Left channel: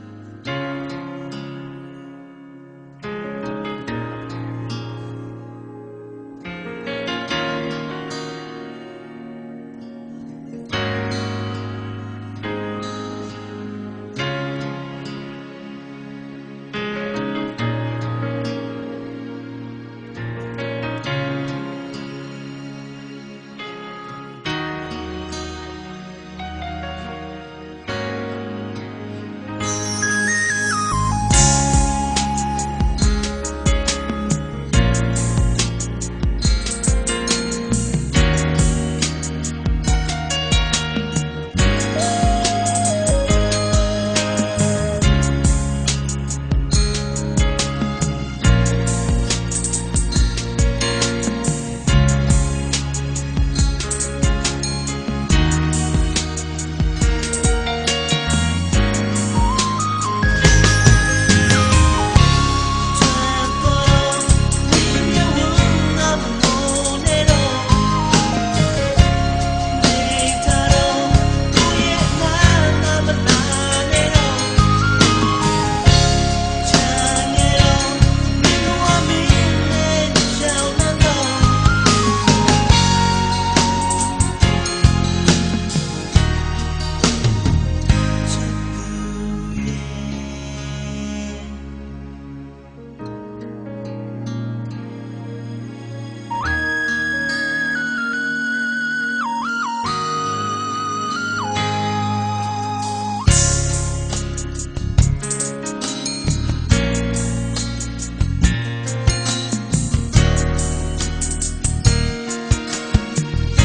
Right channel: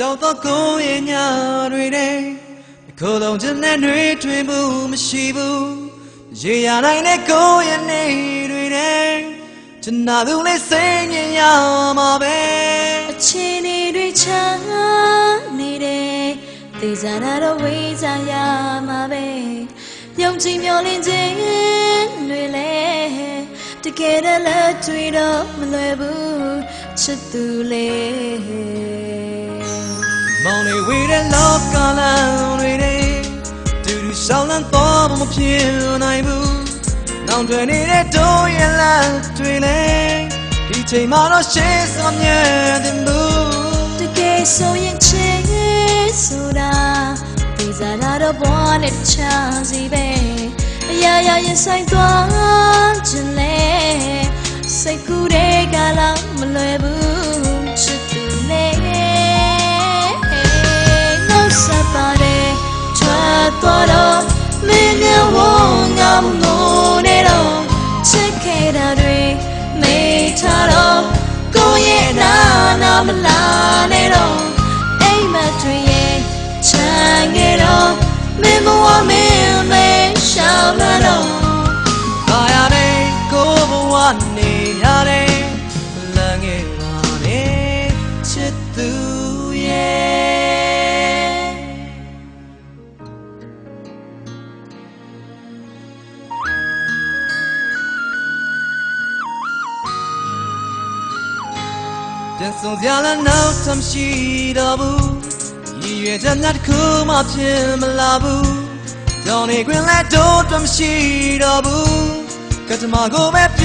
ပြောင်းတော့ကိုရဲ့ညတွေနဲ့ကိုယ်လုံးချင်တဲ့တွေတွေ့မှုမရှိဘူးရေရနိုင်တဲ့ကိုရဲ့နေတွေနဲ့ချင်နာသူလေးစိတ်ညစ်ရမှာပဲအချင်းတွေချမ်းနေတယ်ဒီစားရတော့ဝေးစားရမှာပဲပြုံးချင်မျောလင်းခြင်းတွေလေတကယ်လည်းတွေ့တော့မလွယ်ဘူးချစ်သူလေးမောင်လေးဝေးတဲ့လောကလမ်းတွေနဲ့သူရှောင်းလန်းတော့မဖြစ်နိုင်ဘူးတောင်းတွင်နေတဲ့တို့ရဲ့လမ်းတွေလေဒီချိန်မှာတော့ရှေ့ဆောင်ရတဲ့လူတကယ်ဆိုရင်ချစ်ဆိုတာဒီစားရတော့ဘောနဲ့ချာစီပဲအရာရာရင်ဆိုင်သွားချင်လေစိတ်ကူးတဲ့ကလာမလွယ်ဘူးပြလာနောက်သမရှိတော့ဘူးဒီရဲ့ချက်နဲ့တခုမှဖြစ်မလာဘူးကြောင်နေခွင်လဲတော့မရှိတော့ဘူးကတ္တမကိုပဲ